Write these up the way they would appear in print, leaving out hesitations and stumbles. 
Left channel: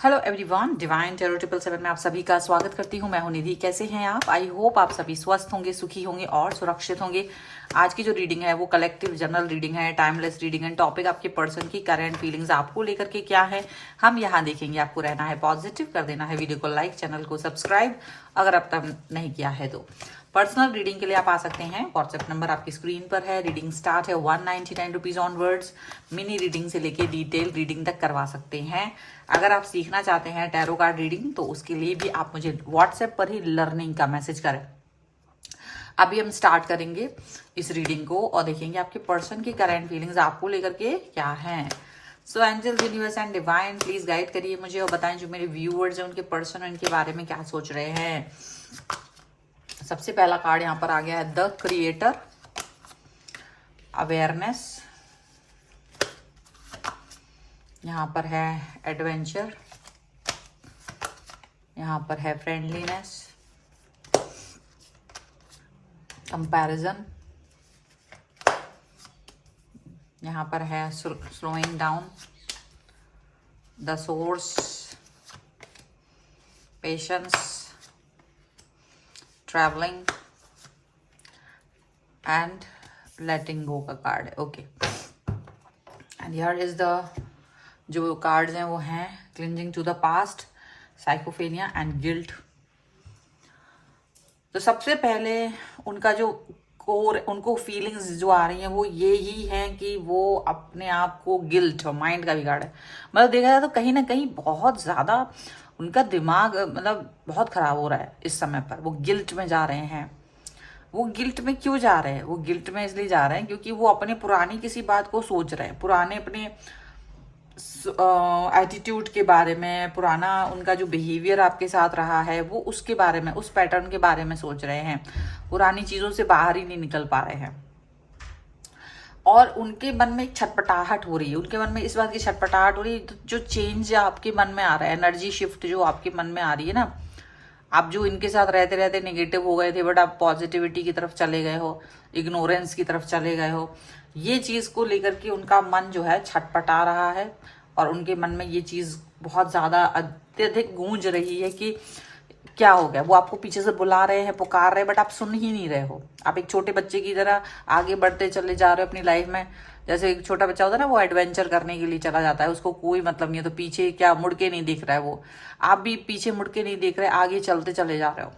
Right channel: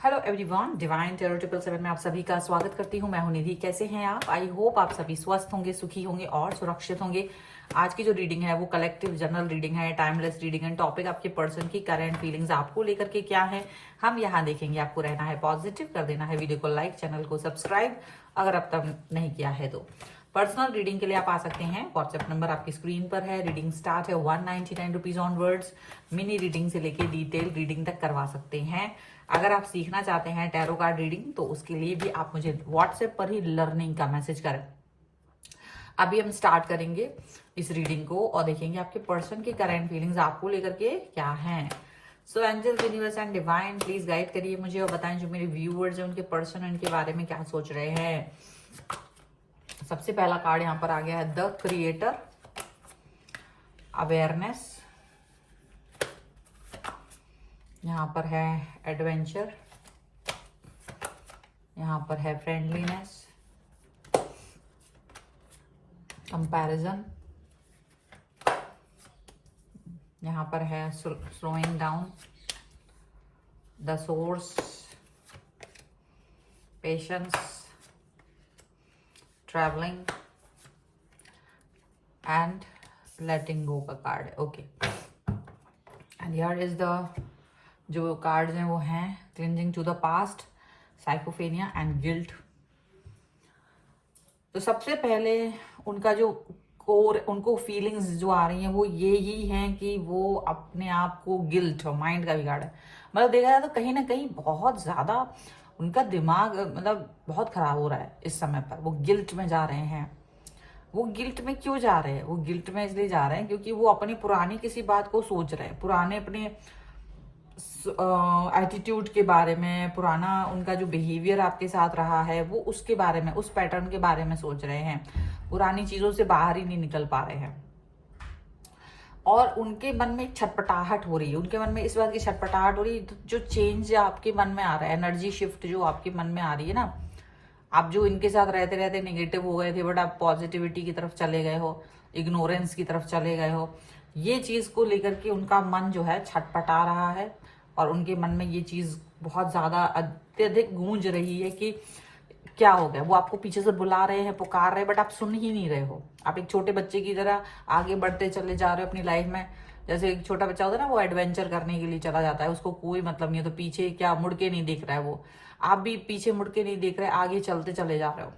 Hello everyone, divine tarot 777 में आप सभी का स्वागत करती हूँ। मैं हूँ निधि। कैसे हैं आप? आई होप आप सभी स्वस्थ होंगे, सुखी होंगे और सुरक्षित होंगे। आज की जो रीडिंग है वो कलेक्टिव जनरल रीडिंग है, टाइमलेस रीडिंग है। टॉपिक आपके पर्सन की करंट फीलिंग्स आपको लेकर के क्या है हम यहाँ देखेंगे। आपको रहना है पॉजिटिव, कर देना है वीडियो को लाइक, चैनल को सब्सक्राइब अगर अब तक नहीं किया है तो। पर्सनल रीडिंग के लिए आप आ सकते हैं। व्हाट्सएप नंबर आपकी स्क्रीन पर है। रीडिंग स्टार्ट है 199 रुपीज ऑनवर्ड्स। मिनी रीडिंग से लेके डिटेल रीडिंग तक करवा सकते हैं। अगर आप सीखना चाहते हैं टैरो कार्ड रीडिंग तो उसके लिए भी आप मुझे व्हाट्सएप पर ही लर्निंग का मैसेज करें। अभी हम स्टार्ट करेंगे इस रीडिंग को और देखेंगे आपके पर्सन की करंट फीलिंग्स आपको लेकर के क्या हैं। So angels, universe and divine please guide करिए मुझे और बताएं जो मेरे व्यूअर्स हैं उनके पर्सन इनके बारे में क्या सोच रहे हैं। सबसे पहला कार्ड यहाँ पर आ गया है द क्रिएटर, अवेयरनेस, यहाँ पर है एडवेंचर, यहाँ पर है फ्रेंडलीनेस, कंपैरिजन, यहाँ पर है slowing down, the source, patience, travelling and letting go का कार्ड है। Okay, and here is the जो कार्ड्स हैं वो हैं cleansing to the past, sycophancy and guilt. तो सबसे पहले उनका जो कोर, उनको फीलिंग्स जो आ रही हैं वो ये ही हैं कि वो अपने आप को गिल्ट, माइंड का भी कार्ड है। मतलब देखा जाए तो कहीं ना कहीं बहुत ज्यादा उनका दिमाग मतलब बहुत खराब हो रहा है इस समय पर। वो गिल्ट में जा रहे हैं। वो गिल्ट में क्यों जा रहे हैं? वो गिल्ट में इसलिए जा रहे हैं क्योंकि वो अपने पुरानी किसी बात को सोच रहे हैं, पुराने अपने एटीट्यूड के बारे में, पुराना उनका जो बिहेवियर आपके साथ रहा है वो उसके बारे में, उस पैटर्न के बारे में सोच रहे हैं। पुरानी चीजों से बाहर ही नहीं निकल पा रहे हैं और उनके मन में छटपटाहट हो रही है। उनके मन में इस बात की छटपटाहट हो रही है जो चेंज आपके मन में आ रहा है, एनर्जी शिफ्ट जो आपके मन में आ रही है ना। आप जो इनके साथ रहते रहते नेगेटिव हो गए थे बट आप पॉजिटिविटी की तरफ चले गए हो, इग्नोरेंस की तरफ चले गए हो, ये चीज को लेकर के उनका मन जो है छटपटा रहा है और उनके मन में ये चीज बहुत ज्यादा अत्यधिक गूंज रही है कि क्या हो गया। वो आपको पीछे से बुला रहे हैं, पुकार रहे हैं बट आप सुन ही नहीं रहे हो। आप एक छोटे बच्चे की तरह आगे बढ़ते चले जा रहे हो अपनी लाइफ में। जैसे एक छोटा बच्चा होता है ना, वो एडवेंचर करने के लिए चला जाता है, उसको कोई मतलब नहीं है, तो पीछे क्या मुड़ के नहीं देख रहा है वो। आप भी पीछे मुड़ के नहीं देख रहे, आगे चलते चले जा रहे हो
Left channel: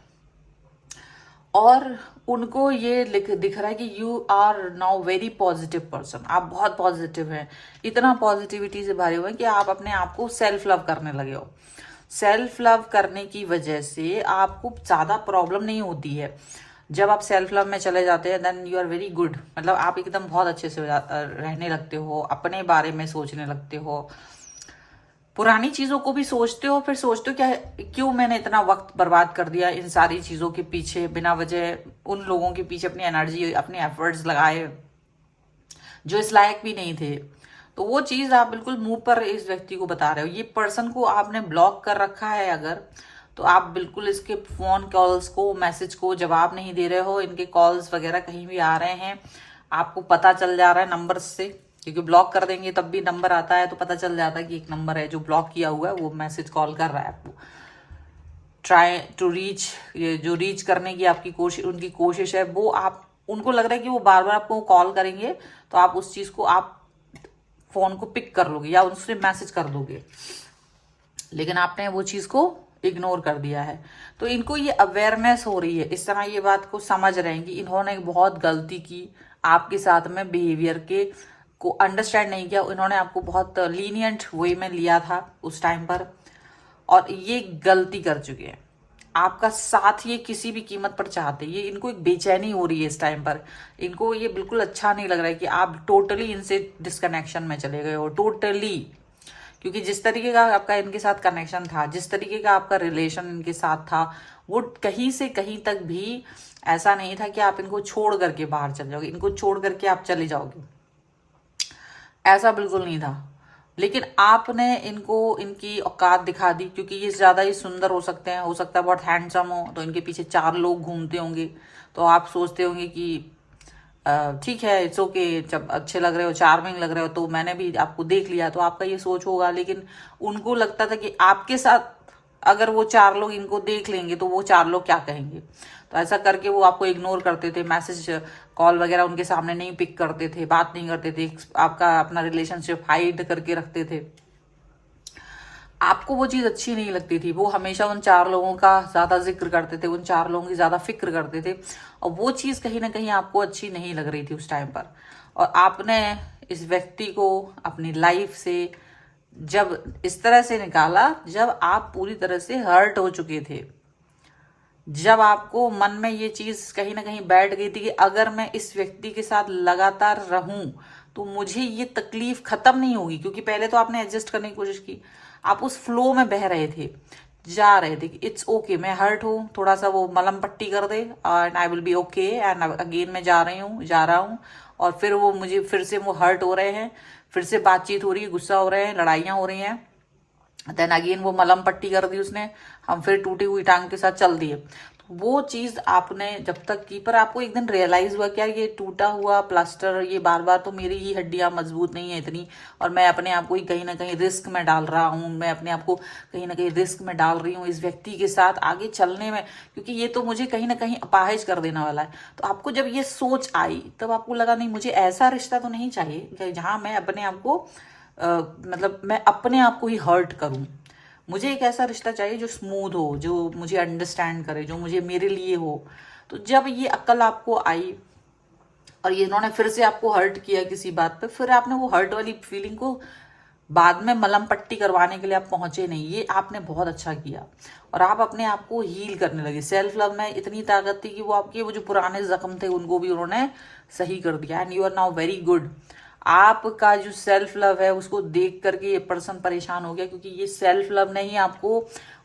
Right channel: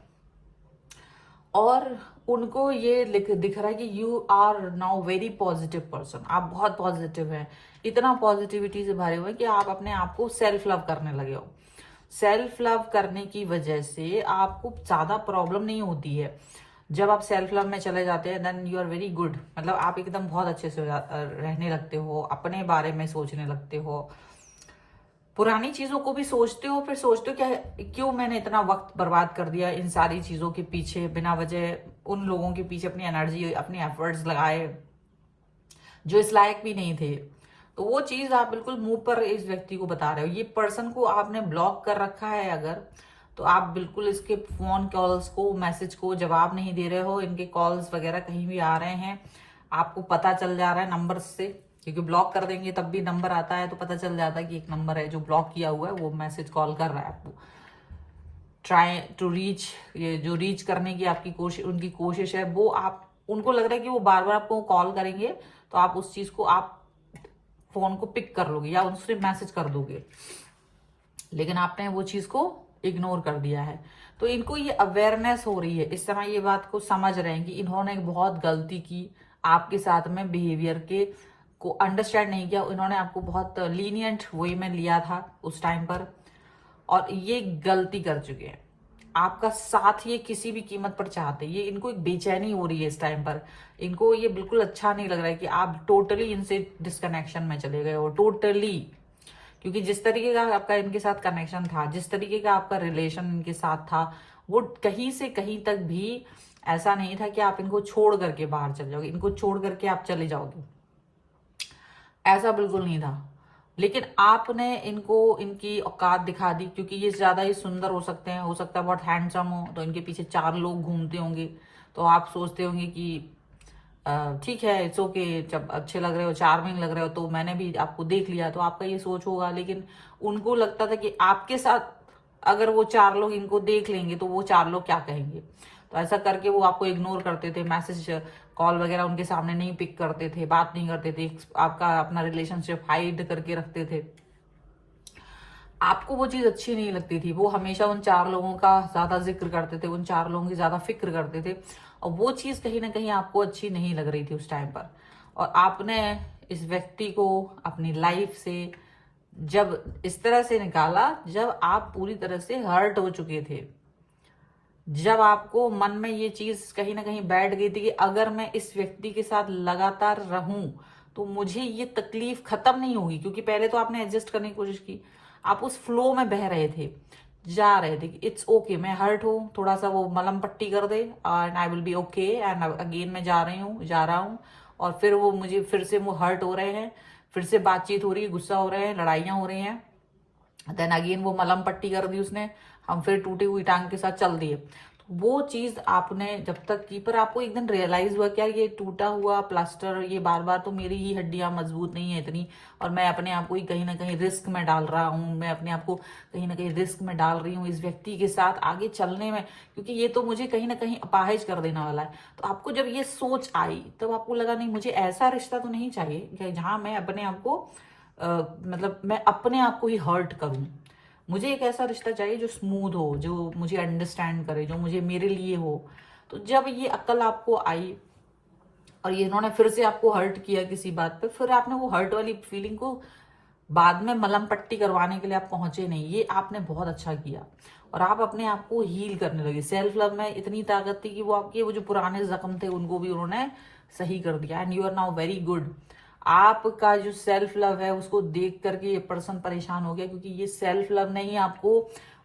और उनको ये दिख रहा है कि you are now very positive person. आप बहुत पॉजिटिव हैं, इतना पॉजिटिविटी से भरे हुए हैं कि आप अपने आप को सेल्फ लव करने लगे हो। सेल्फ लव करने की वजह से आपको ज्यादा प्रॉब्लम नहीं होती है। जब आप सेल्फ लव में चले जाते हैं then you are very good. मतलब आप एकदम बहुत अच्छे से रहने लगते हो, अपने बारे में सोचने लगते हो, पुरानी चीजों को भी सोचते हो, फिर सोचते हो क्या क्यों मैंने इतना वक्त बर्बाद कर दिया इन सारी चीजों के पीछे, बिना वजह उन लोगों के पीछे अपनी एनर्जी, अपने एफर्ट्स लगाए जो इस लायक भी नहीं थे। तो वो चीज आप बिल्कुल मुंह पर इस व्यक्ति को बता रहे हो। ये पर्सन को आपने ब्लॉक कर रखा है अगर, तो आप बिल्कुल इसके फोन कॉल्स को, मैसेज को जवाब नहीं दे रहे हो। इनके कॉल्स वगैरह कहीं भी आ रहे हैं आपको पता चल जा रहा है नंबर से, क्योंकि ब्लॉक कर देंगे तब भी नंबर आता है तो पता चल जाता है कि एक नंबर है जो ब्लॉक किया हुआ है, वो मैसेज कॉल कर रहा है आपको। ट्राई टू रीच, ये जो रीच करने की आपकी कोशिश, उनकी कोशिश है वो, आप उनको लग रहा है कि वो बार बार आपको कॉल करेंगे तो आप उस चीज को, आप फोन को पिक कर लोगे या उससे मैसेज कर दोगे, लेकिन आपने वो चीज को इग्नोर कर दिया है। तो इनको ये अवेयरनेस हो रही है, इस समय ये बात को समझ रहे हैं कि इन्होंने बहुत गलती की आपके साथ में, बिहेवियर के को अंडरस्टैंड नहीं किया। इन्होंने आपको बहुत लीनियंट वे में लिया था उस टाइम पर और ये गलती कर चुके हैं। आपका साथ ये किसी भी कीमत पर चाहते, ये इनको एक बेचैनी हो रही है इस टाइम पर। इनको ये बिल्कुल अच्छा नहीं लग रहा है कि आप टोटली इनसे डिस्कनेक्शन में चले गए हो, टोटली। क्योंकि जिस तरीके का आपका इनके साथ कनेक्शन था, जिस तरीके का आपका रिलेशन इनके साथ था, वो कहीं से कहीं तक भी ऐसा नहीं था कि आप इनको छोड़ करके बाहर चले जाओगे, इनको छोड़ करके आप चले जाओगे, ऐसा बिल्कुल नहीं था। लेकिन आपने इनको इनकी औकात दिखा दी, क्योंकि ये ज्यादा ही सुंदर हो सकते हैं, हो सकता है बहुत हैंडसम हो, तो इनके पीछे 4 लोग घूमते होंगे, तो आप सोचते होंगे कि ठीक है, इट्स ओके, जब अच्छे लग रहे हो, चार्मिंग लग रहे हो, तो मैंने भी आपको देख लिया, तो आपका ये सोच होगा। लेकिन उनको लगता था कि आपके साथ अगर वो 4 लोग इनको देख लेंगे तो वो 4 लोग क्या कहेंगे। तो ऐसा करके वो आपको इग्नोर करते थे, मैसेज कॉल वगैरह उनके सामने नहीं पिक करते थे, बात नहीं करते थे, आपका अपना रिलेशनशिप हाइड करके रखते थे। आपको वो चीज अच्छी नहीं लगती थी। वो हमेशा उन 4 लोगों का ज्यादा जिक्र करते थे, उन 4 लोगों की ज्यादा फिक्र करते थे, और वो चीज कहीं ना कहीं आपको अच्छी नहीं लग रही थी उस टाइम पर। और आपने इस व्यक्ति को अपनी लाइफ से जब इस तरह से निकाला, जब आप पूरी तरह से हर्ट हो चुके थे, जब आपको मन में ये चीज कहीं ना कहीं बैठ गई थी कि अगर मैं इस व्यक्ति के साथ लगातार रहूं तो मुझे ये तकलीफ खत्म नहीं होगी। क्योंकि पहले तो आपने एडजस्ट करने की कोशिश की, आप उस फ्लो में बह रहे थे, जा रहे थे कि इट्स ओके, मैं हर्ट हूं, थोड़ा सा वो मलहम पट्टी कर दे and I will be okay, and again मैं जा रहा हूँ। और फिर वो मुझे फिर से वो हर्ट हो रहे हैं, फिर से बातचीत हो रही है, गुस्सा हो रहे हैं, लड़ाइयां हो रही हैं, देन अगेन वो मलहम पट्टी कर दी उसने, हम फिर टूटी हुई टांग के साथ चल दिए। तो वो चीज आपने जब तक की, पर आपको एक दिन रियलाइज हुआ क्या ये टूटा हुआ प्लास्टर, ये बार बार तो मेरी ही हड्डियां मजबूत नहीं है इतनी, और मैं अपने आप को ही कहीं ना कहीं रिस्क में डाल रहा हूँ, मैं अपने आप को कहीं ना कहीं रिस्क में डाल रही हूँ इस व्यक्ति के साथ आगे चलने में, क्योंकि ये तो मुझे कहीं ना कहीं अपाहिज कर देने वाला है। तो आपको जब ये सोच आई तब आपको लगा नहीं, मुझे ऐसा रिश्ता तो नहीं चाहिए जहां मैं अपने आप को मतलब मैं अपने आप को ही हर्ट करूं। मुझे एक ऐसा रिश्ता चाहिए जो स्मूथ हो, जो मुझे अंडरस्टैंड करे, जो मुझे मेरे लिए हो। तो जब ये अक्ल आपको आई और ये इन्होंने फिर से आपको हर्ट किया किसी बात पे, फिर आपने वो हर्ट वाली फीलिंग को बाद में मलहम पट्टी करवाने के लिए आप पहुंचे नहीं, ये आपने बहुत अच्छा किया और आप अपने आप को हील करने लगे। सेल्फ लव में इतनी ताकत थी कि वो आपके वो जो पुराने जख्म थे उनको भी उन्होंने सही कर दिया, and you are now very good. आपका जो सेल्फ लव है उसको देख करके ये पर्सन परेशान हो गया, क्योंकि ये सेल्फ लव ने ही आपको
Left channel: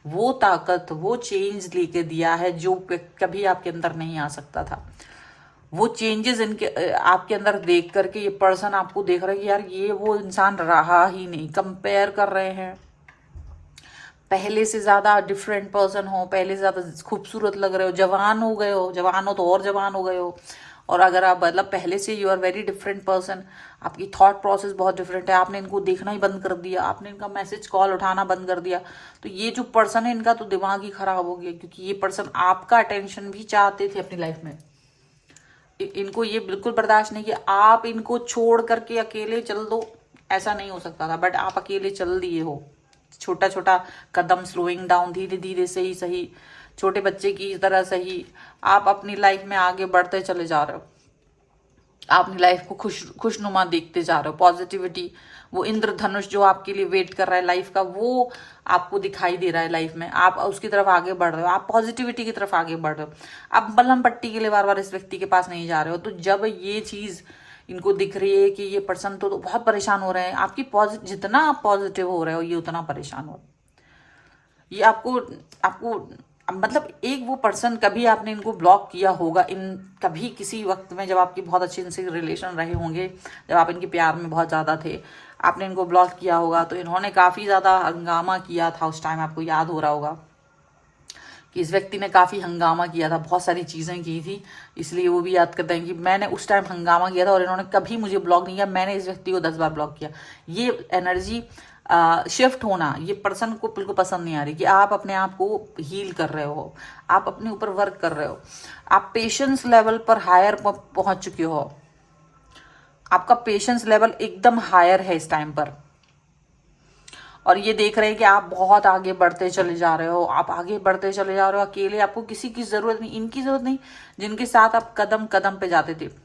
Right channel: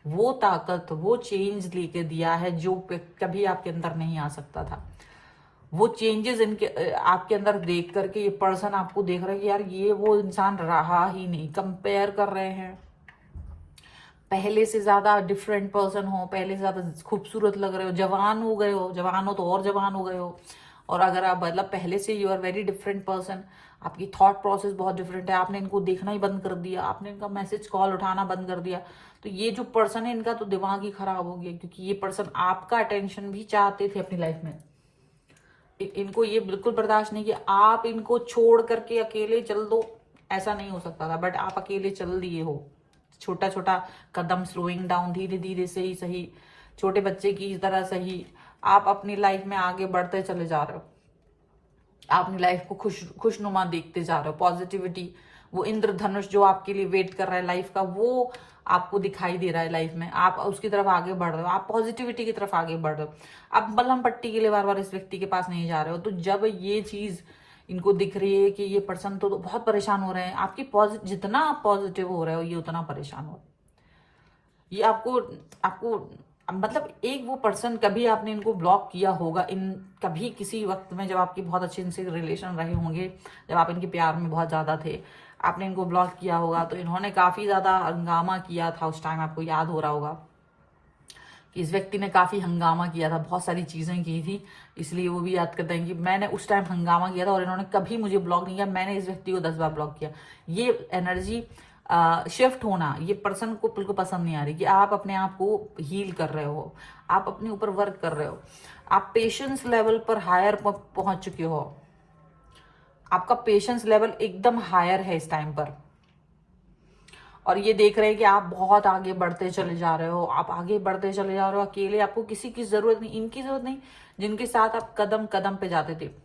वो ताकत, वो चेंज लेके दिया है जो कभी आपके अंदर नहीं आ सकता था। वो चेंजेस इनके आपके अंदर देख करके ये पर्सन आपको देख रहा है कि यार ये वो इंसान रहा ही नहीं। कंपेयर कर रहे हैं, पहले से ज्यादा डिफरेंट पर्सन हो, पहले से ज्यादा खूबसूरत लग रहे हो, जवान हो गए हो, जवान हो तो और जवान हो गए हो। और अगर आप मतलब पहले से you are very different person, आपकी थॉट प्रोसेस बहुत डिफरेंट है, आपने इनको देखना ही बंद कर दिया, आपने इनका मैसेज कॉल उठाना बंद कर दिया, तो ये जो पर्सन है इनका तो दिमाग ही खराब हो गया, क्योंकि ये पर्सन आपका अटेंशन भी चाहते थे अपनी लाइफ में। इनको ये बिल्कुल बर्दाश्त नहीं कि आप इनको छोड़ करके अकेले चल दो, ऐसा नहीं हो सकता था, बट आप अकेले चल दिए हो। छोटा छोटा कदम, स्लोइंग डाउन, धीरे धीरे से ही सही, छोटे बच्चे की तरह सही, आप अपनी लाइफ में आगे बढ़ते चले जा रहे हो। आप अपनी लाइफ को खुशनुमा देखते जा रहे हो, पॉजिटिविटी, वो इंद्रधनुष जो आपके लिए वेट कर रहा है लाइफ का, वो आपको दिखाई दे रहा है लाइफ में, आप उसकी तरफ आगे बढ़ रहे हो, आप पॉजिटिविटी की तरफ आगे बढ़ रहे हो, आप मलहम पट्टी के लिए बार बार इस व्यक्ति के पास नहीं जा रहे हो। तो जब ये चीज इनको दिख रही है कि ये पर्सन तो बहुत परेशान हो रहे हैं, आपकी जितना आप पॉजिटिव हो रहे हो ये उतना परेशान हो, ये आपको आपको मतलब एक वो पर्सन, कभी आपने इनको ब्लॉक किया होगा इन कभी किसी वक्त में जब आपकी बहुत अच्छे इनसे रिलेशन रहे होंगे, जब आप इनके प्यार में बहुत ज्यादा थे, आपने इनको ब्लॉक किया होगा, तो इन्होंने काफी ज्यादा हंगामा किया था उस टाइम, आपको याद हो रहा होगा कि इस व्यक्ति ने काफी हंगामा किया था, बहुत सारी चीजें की थी, इसलिए वो भी याद करते हैं कि मैंने उस टाइम हंगामा किया था और इन्होंने कभी मुझे ब्लॉक नहीं किया, मैंने इस व्यक्ति को 10 बार ब्लॉक किया। ये एनर्जी शिफ्ट होना ये पर्सन को बिल्कुल पसंद नहीं आ रही कि आप अपने आप को हील कर रहे हो, आप अपने ऊपर वर्क कर रहे हो, आप पेशेंस लेवल पर हायर पहुंच चुके हो, आपका पेशेंस लेवल एकदम हायर है इस टाइम पर, और ये देख रहे हैं कि आप बहुत आगे बढ़ते चले जा रहे हो, आप आगे बढ़ते चले जा रहे हो अकेले, आपको किसी की जरूरत नहीं, इनकी जरूरत नहीं, जिनके साथ आप कदम कदम पे जाते थे।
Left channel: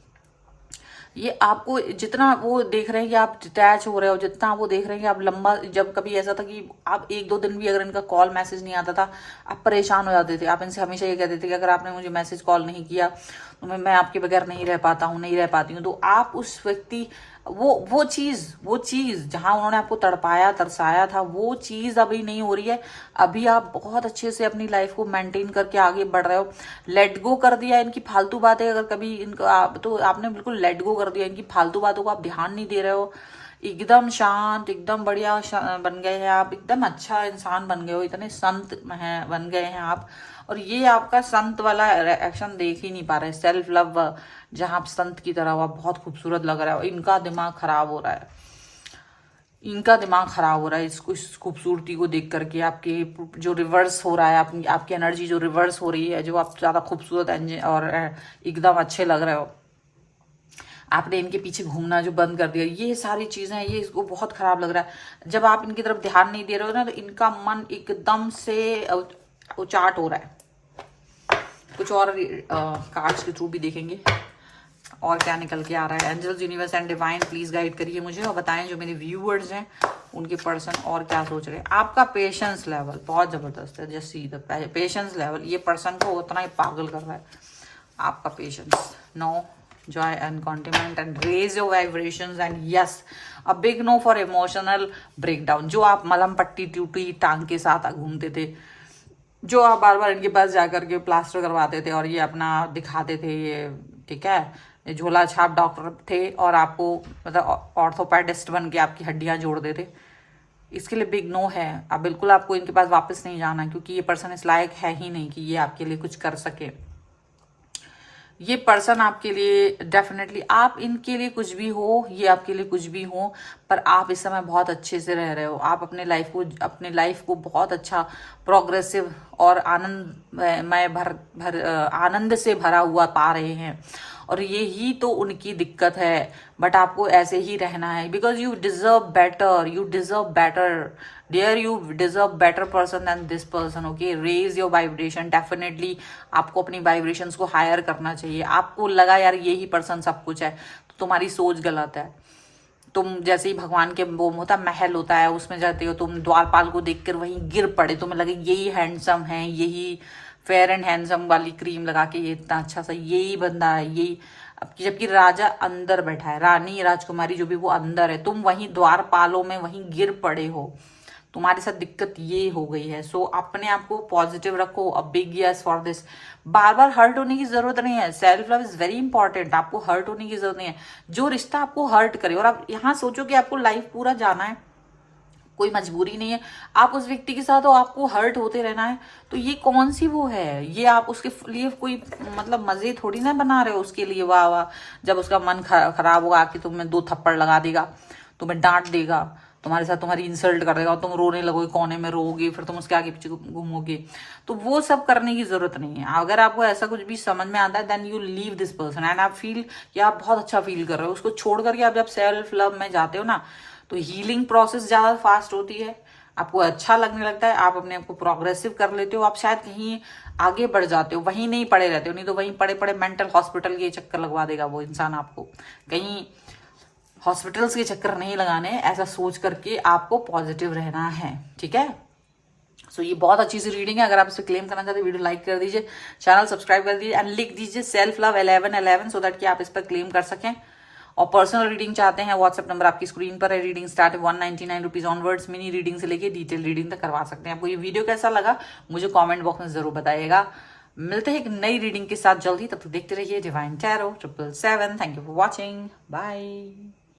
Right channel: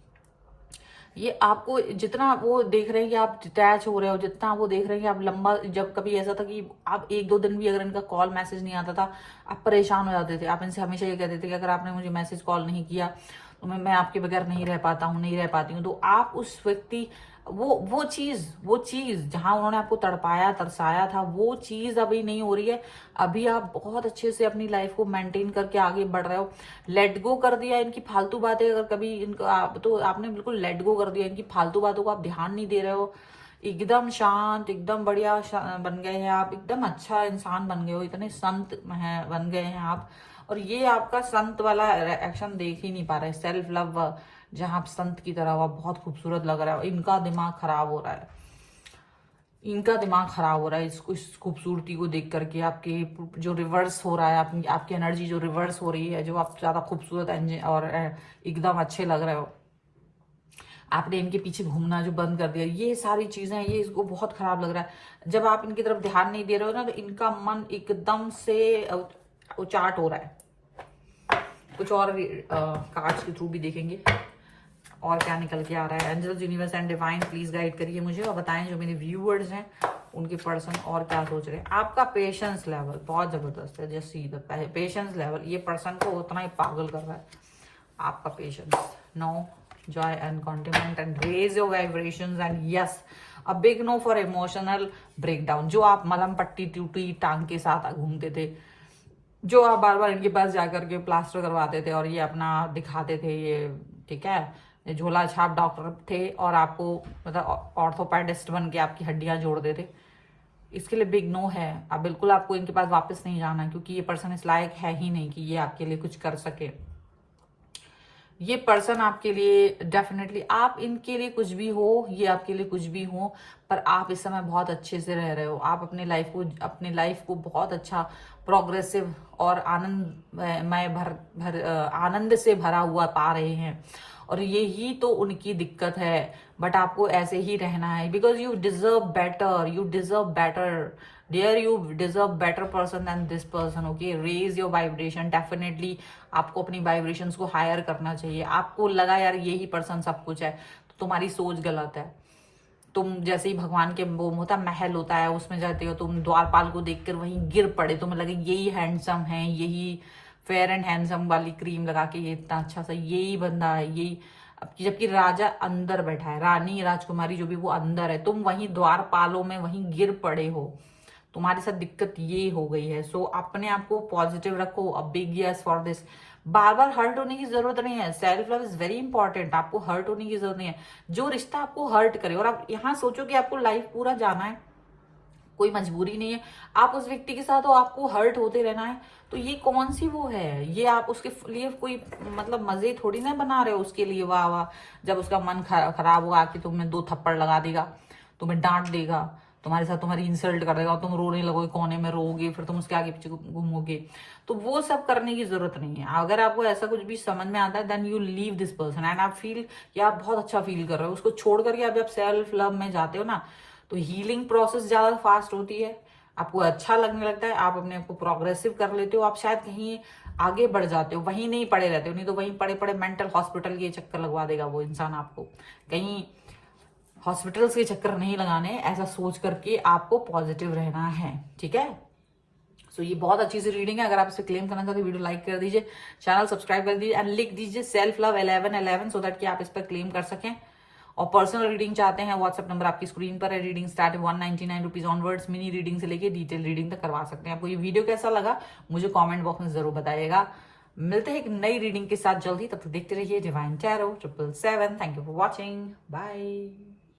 ये आपको जितना वो देख रहे हैं कि आप डिटैच हो रहे हो, जितना वो देख रहे हैं कि आप लंबा, जब कभी ऐसा था कि आप 1-2 दिन भी अगर इनका कॉल मैसेज नहीं आता था आप परेशान हो जाते थे, आप इनसे हमेशा ये कहते थे कि अगर आपने मुझे मैसेज कॉल नहीं किया तो मैं आपके बगैर नहीं रह पाता हूँ, नहीं रह पाती हूँ। तो आप उस व्यक्ति वो चीज जहां उन्होंने आपको तड़पाया तरसाया था, वो चीज अभी नहीं हो रही है। अभी आप बहुत अच्छे से अपनी लाइफ को मेंटेन करके आगे बढ़ रहे हो, लेट गो कर दिया इनकी फालतू बातें, अगर कभी इनको तो आपने बिल्कुल लेट गो कर दिया, इनकी फालतू बातों को आप ध्यान नहीं दे रहे हो, एकदम शांत, एकदम बढ़िया बन गए हैं आप, एकदम अच्छा इंसान बन गए हो, इतने संत हैं बन गए हैं आप। और ये आपका संत वाला एक्शन देख ही नहीं पा रहे, सेल्फ लव जहां आप संत की तरह हुआ, बहुत खूबसूरत लग रहा है। इनका दिमाग खराब हो रहा है, इनका दिमाग खराब हो रहा है इसको, इस खूबसूरती को देख करके। आपके जो रिवर्स हो रहा है, आपकी एनर्जी जो रिवर्स हो रही है, जो आप ज्यादा खूबसूरत और एकदम अच्छे लग रहे हो, आपने इनके पीछे घूमना जो बंद कर दिया, ये सारी चीजें, ये इसको बहुत खराब लग रहा है। जब आप इनकी तरफ ध्यान नहीं दे रहे हो ना, तो इनका मन एकदम से उचाट हो रहा है। कुछ और कार्ड्स के थ्रू भी देखेंगे और क्या निकल के आ रहा है। Angels, universe and divine please guide करिए मुझे और बताएं जो मेरे व्यूअर्स हैं उनके पर्सन और क्या सोच रहे हैं। आपका पेशेंस लेवल बहुत जबरदस्त है, just see the patience level, ये पर्सन को उतना ही पागल कर रहा है आपका patience. No joy and contentment and raise your vibrations and yes a big no for emotional breakdown। जो आप मलहम पट्टी टूटी टांग के साथ घूमते थे, जो आप बार बार इनके पास जाकर के प्लास्टर करवाते थे और ये अपना दिखाते थे, ये ठीक है झोला छाप डॉक्टर थे और आपको मतलब ऑर्थोपेडिस्ट बन के आपकी हड्डियां जोड़ देते, इसके लिए बिग नो है। अब बिल्कुल आपको इनके पास वापस नहीं जाना, क्योंकि ये पर्सन इस लायक है ही नहीं कि ये आपके लिए कुछ कर सके। ये पर्सन आपके लिए डेफिनेटली, आप इनके लिए कुछ भी हो, ये आपके लिए कुछ भी हो, पर आप इस समय बहुत अच्छे से रह रहे हो। आप अपने लाइफ को बहुत अच्छा प्रोग्रेसिव और आनंद से भरा हुआ पा रहे हैं। और यही तो उनकी दिक्कत है, बट आपको ऐसे ही रहना है, because you deserve better, you deserve better dear, you deserve better person than this person. Okay, raise your vibration. Definitely आपको अपनी वाइब्रेशंस को हायर करना चाहिए। आपको लगा यार यही पर्सन सब कुछ है, तो तुम्हारी सोच गलत है। तुम जैसे ही भगवान के वो होता महल होता है, उसमें जाते हो, तुम द्वारपाल को देखकर वहीं गिर पड़े, तुम्हें लगे यही हैंडसम है, यही फेयर एंड हैंडसम वाली क्रीम लगा के ये इतना अच्छा सा यही बंदा है, यही। जबकि राजा अंदर बैठा है, रानी राजकुमारी जो भी वो अंदर है, तुम वहीं द्वारपालों में वहीं गिर पड़े हो। तुम्हारे साथ दिक्कत ये हो गई है। सो अपने आप को पॉजिटिव रखो। A big yes for this. बार बार हर्ट होने की जरूरत नहीं है। Self love is very important. आपको हर्ट होने की जरूरत नहीं है। जो रिश्ता आपको हर्ट करे, और आप यहाँ सोचो कि आपको लाइफ पूरा जाना है, कोई मजबूरी नहीं है, आप उस व्यक्ति के साथ हो, आपको हर्ट होते रहना है, तो ये कौन सी वो है, ये आप उसके लिए कोई मतलब मजे थोड़ी ना बना रहे हो उसके लिए। वाह वाह, जब उसका मन खराब होगा कि तुम्हें 2 थप्पड़ लगा देगा, तुम्हें डांट देगा, तुम्हारे साथ तुम्हारी इंसल्ट कर देगा, तुम रोने लगोगे, कोने में रोगे, फिर तुम उसके आगे पीछे घूमोगे, तो वो सब करने की जरूरत नहीं है। अगर आपको ऐसा कुछ भी समझ में आता है, then you leave this person and आप फील कि आप बहुत अच्छा फील कर रहे हो। उसको छोड़ करके आप जब सेल्फ लव में जाते हो ना, तो हीलिंग प्रोसेस ज्यादा फास्ट होती है, आपको अच्छा लगने लगता है, आप अपने आप को प्रोग्रेसिव कर लेते हो, आप शायद कहीं आगे बढ़ जाते हो, वहीं नहीं पड़े रहते हो। नहीं तो वहीं पड़े पड़े मेंटल हॉस्पिटल के चक्कर लगवा देगा वो इंसान आपको। कहीं हॉस्पिटल्स के चक्कर नहीं लगाने, ऐसा सोच करके आपको पॉजिटिव रहना है, ठीक है। सो ये बहुत अच्छी सी रीडिंग है। अगर आप इसे क्लेम करना चाहते हैं, वीडियो लाइक कर दीजिए, चैनल सब्सक्राइब कर दीजिए एंड लिख दीजिए सेल्फ लव 1111 सो दैट कि आप इस पर क्लेम कर सकें। और पर्सनल रीडिंग चाहते हैं, व्हाट्सएप नंबर आपकी स्क्रीन पर है। Reading start 199 rupees onwards. Mini reading से लेके डिटेल रीडिंग तक करवा सकते हैं। आपको ये वीडियो कैसा लगा मुझे कमेंट बॉक्स में जरूर बताइएगा। मिलते हैं एक नई रीडिंग के साथ जल्दी, तब तक देखते रहिए divine tarot 777। Thank you for watching, bye.